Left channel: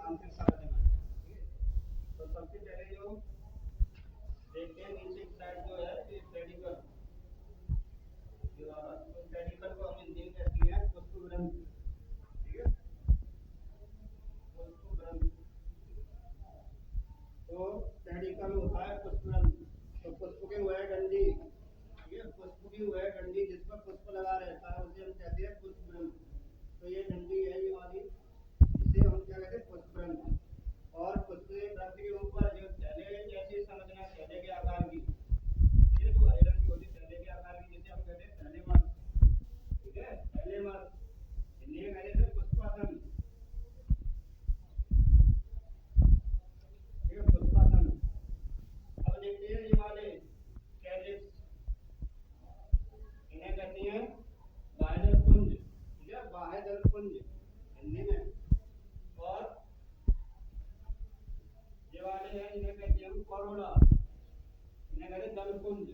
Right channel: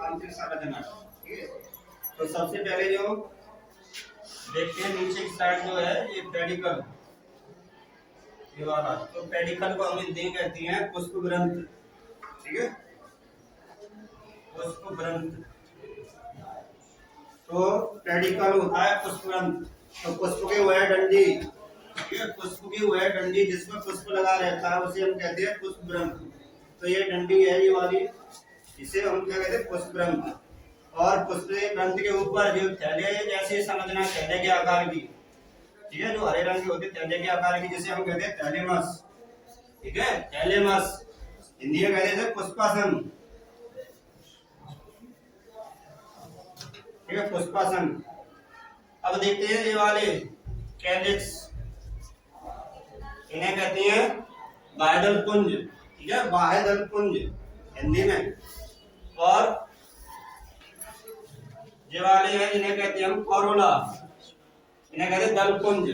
आंतरिक संरचना। ठीक है, तो सबसे पहले जो देखते हैं नीचे की साइड जो है ये पेडिकल, ये वाला, तो पेडिकल को हम हिंदी में कहते हैं पुष्प ग्रंथ। ठीक है, पुष्प ग्रंथ। तो पेडिकल होता है पुष्प ग्रंथ। तो पुष्प की वह डंडी, ठीक है, पुष्प की वह डंडी जिसमें पुष्प लगा रहता है उसे हम कहते हैं पुष्प ग्रंथ। तो ये डंडी है ये वाली, इसे हम क्या कहते हैं पुष्प ग्रंथ। और पुष्प ग्रंथ के ऊपर जो थैले जैसे संरचना थैले के आकार की, ठीक है, जो हरे रंग की होती है थैले के आकार की, जिसे हम कहते हैं थैलेमस। ठीक है, थैलेमस हिंदी में कहते हैं पुष्पासन। ठीक है, पुष्पासन। अब देखते हैं ये वाले कैलिक्स, इन्हें कहते हैं बाह्यदल पुंज। ठीक है, बाह्यदल पुंज हिंदी में। और ये वाले हैं जिन्हें कहते हैं हम कोरोला, इन्हें कहते हैं दल पुंज।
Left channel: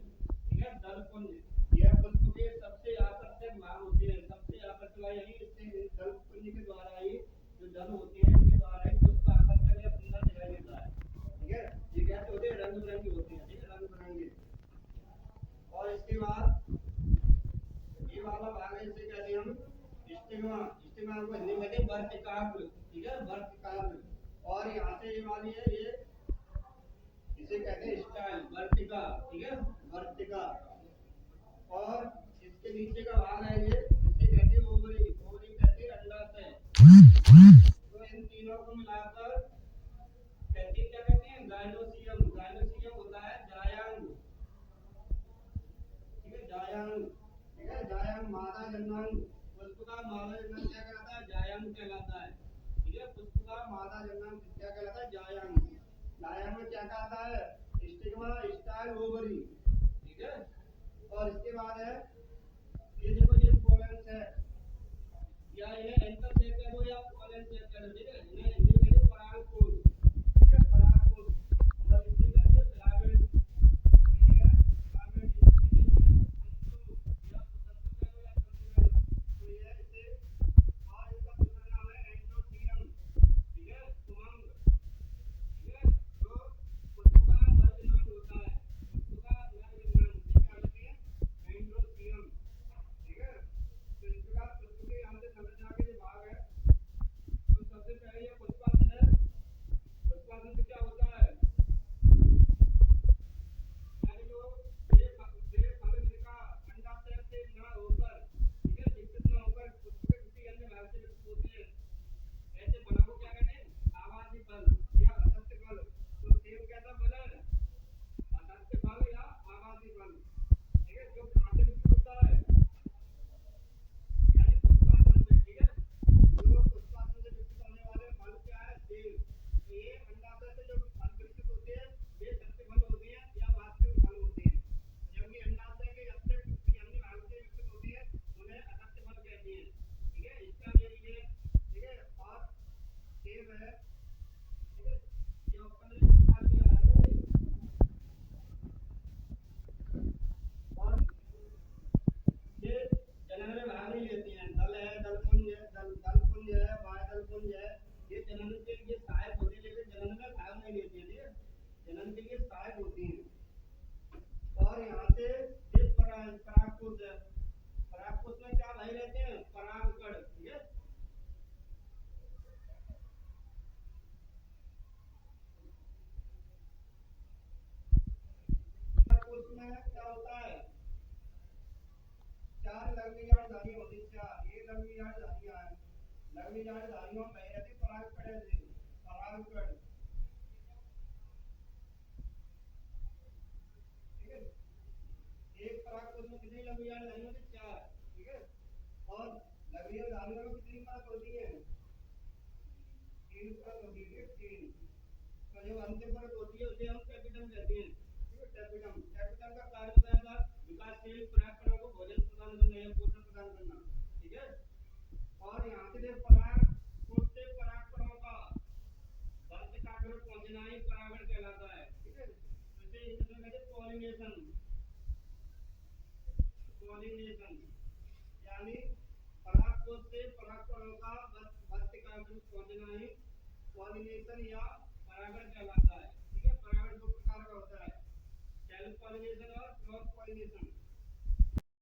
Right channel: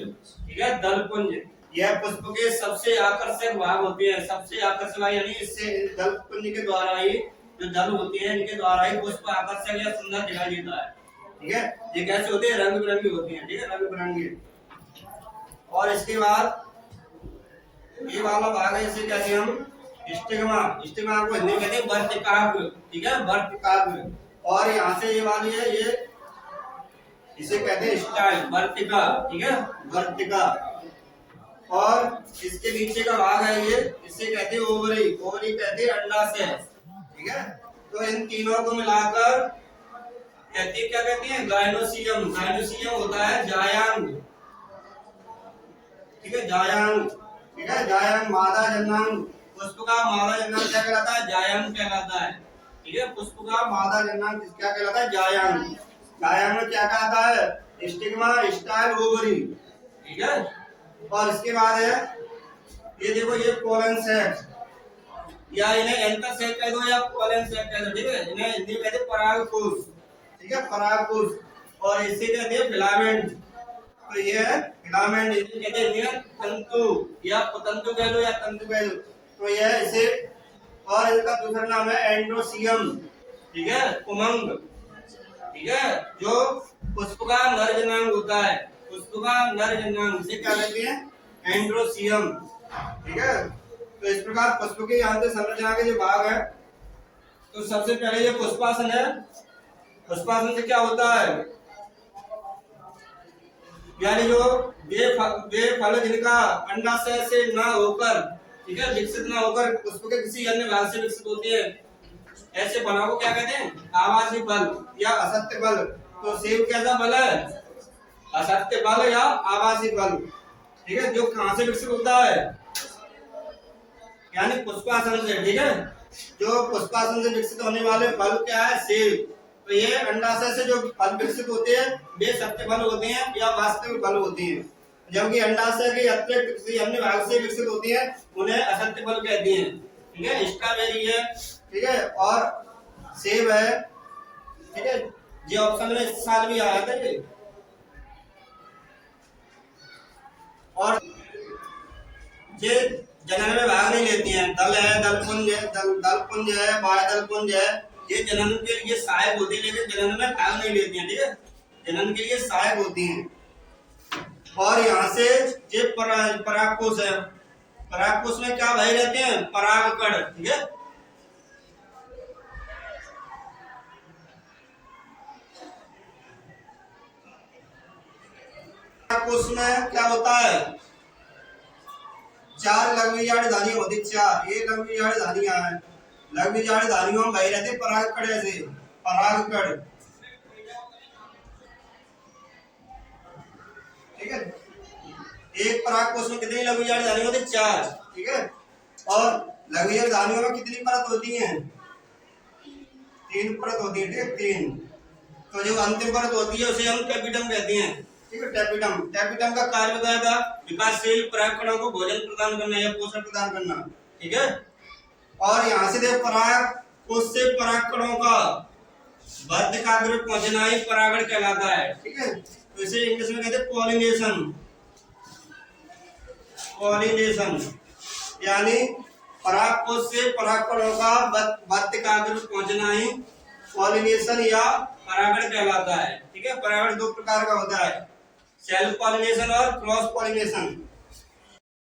ठीक है, दल पुंज। यह पुष्प के सबसे आकर्षक भाग होते हैं, सबसे आकर्षक भाग, यानी इससे दल पुंज के द्वारा ही जो दल होती है इनके द्वारा ही पुष्प आकर्षक या सुंदर दिखाई देता है। ठीक है, ये कैसे होते हैं, रंग बिरंगी होती हैं। ठीक है, रंग बिरंगी। और इसके बाद ये वाला भाग है, इसे कहते हैं हम स्टिग्मा। स्टिग्मा को हिंदी में कहते हैं वर्तिकाग्र। ठीक है, वर्तिकाग्र। और यहाँ से ये वाली है, ये इसे कहते हैं स्टाइल, वर्तिका। ठीक है, वर्तिका। और इसके नीचे का भाग है ये, इसे कहते हैं ओवरी। ओवरी कहते हैं अंडाशय। ठीक है, तो इन तीनों को मिलाकर कहते हैं, क्या कहते हैं, गाइनोसियम। गाइनोसियम होता है जायांग। ठीक है, जायांग। ठीक है, जायांग मादा जन्नांग। पुष्प का मादा जन्नांग क्या कहलाता है, जायांग कहलाता है। ठीक है, पुष्प का मादा जन्नांग क्या कहलाता है, जायांग। जायांग में क्या कहलाता है, स्टिग्मा, स्टाइल, ओवरी। ठीक है, और इसके बाद है ये देखो, ये पोलन सेक्स, या इन्हें एंकर सेक्स कह दो या पोलन सेक्स कह दो। ठीक है, इन्हें हिंदी में कहते हैं परागकोश। ठीक है, परागकोश। और इसे कहते हैं फिलामेंट। तो ये है फिलामेंट, इसे कहते हैं तंतु या तंतु कह लो या तंतु कह लो। तो यह इसे, और इसका दूसरा नाम है एंड्रोसियम। ठीक है, उमंग। ठीक है, जो पुष्प का नर जनांग होता है, पुष्प का नर जनांग, इसे क्या कहते हैं, एंड्रोसियम। ठीक है, तो इस प्रकार पुष्प के यहाँ से संरचना के जो भाग है, तो सबसे पहले ये पुष्पासन है। पुष्पासन से क्या होता है, यानी जो वे फल जिनका अंडाशय से ना होकर, ठीक है, विकसित ना होकर पुष्प के किसी अन्य भाग से विकसित होती है, ऐसे बनाव को क्या कहते हैं, आवासीय बल या असत्य बल। तो सेब कैसा बल है, असत्य बल या आवासीय बल। ठीक है, जो कहां से विकसित होता है, यानी पुष्पासन से। ठीक है, जो पुष्पासन से विकसित होने वाले फल क्या है, सेब। तो ये अंडाशय से जो फल विकसित होते हैं वे सत्य फल होते हैं या वास्तविक फल होते हैं, जबकि अंडाशय के अतिरिक्त किसी अन्य भाग से विकसित होती है उन्हें असत्य फल कहते हैं। ठीक है, स्ट्रॉबेरी है, ठीक है, और सेब है। ठीक है, ये ऑप्शन में इस साल भी आया था ये। और ये जनन में भाग नहीं लेती हैं, दल है, दलपुंज है, दलपुंज है, बाह्यदलपुंज है, ये जनन के लिए सहायक होती है लेकिन जनन में भाग नहीं लेती हैं। ठीक है, जनन के लिए सहायक होती हैं। और यहाँ से ये परागकोश है, परागकोश में क्या भाई रहते हैं, परागकण। ठीक है, परागकोश में क्या होता है, 4 लघुबीजांड धानियां होती, 4 ये लघुबीजांड धानियां हैं। लघुबीजांड धानियों में भाई रहते परागकण, ऐसे परागकण। ठीक है, एक परागकोश में कितनी लघुबीजांड धानियां होती, 4। ठीक है, और लघुबीजांड धानियों में कितनी परत होती हैं, 3 परत होती है। ठीक है, 3। तो जो अंतिम परत होती है उसे हम टेपिडम कहते हैं। ठीक है, टेपिडम। टेपिडम का कार्य बताया था, विकासशील परागकणों को भोजन प्रदान करना या पोषण प्रदान करना। ठीक है, और यहाँ से देखो परागकोश से परागकणों का वर्तिकाग्र में पहुंचना ही परागण कहलाता है। ठीक है, तो इसे इंग्लिश में कहते हैं पॉलिनेशन। पॉलिनेशन यानी परागकोश से परागकणों का वर्तिकाग्र में पहुंचना ही पॉलिनेशन या परागण कहलाता है। ठीक है, परागण दो प्रकार का होता है, सेल्फ पॉलिनेशन और क्रॉस पॉलिनेशन।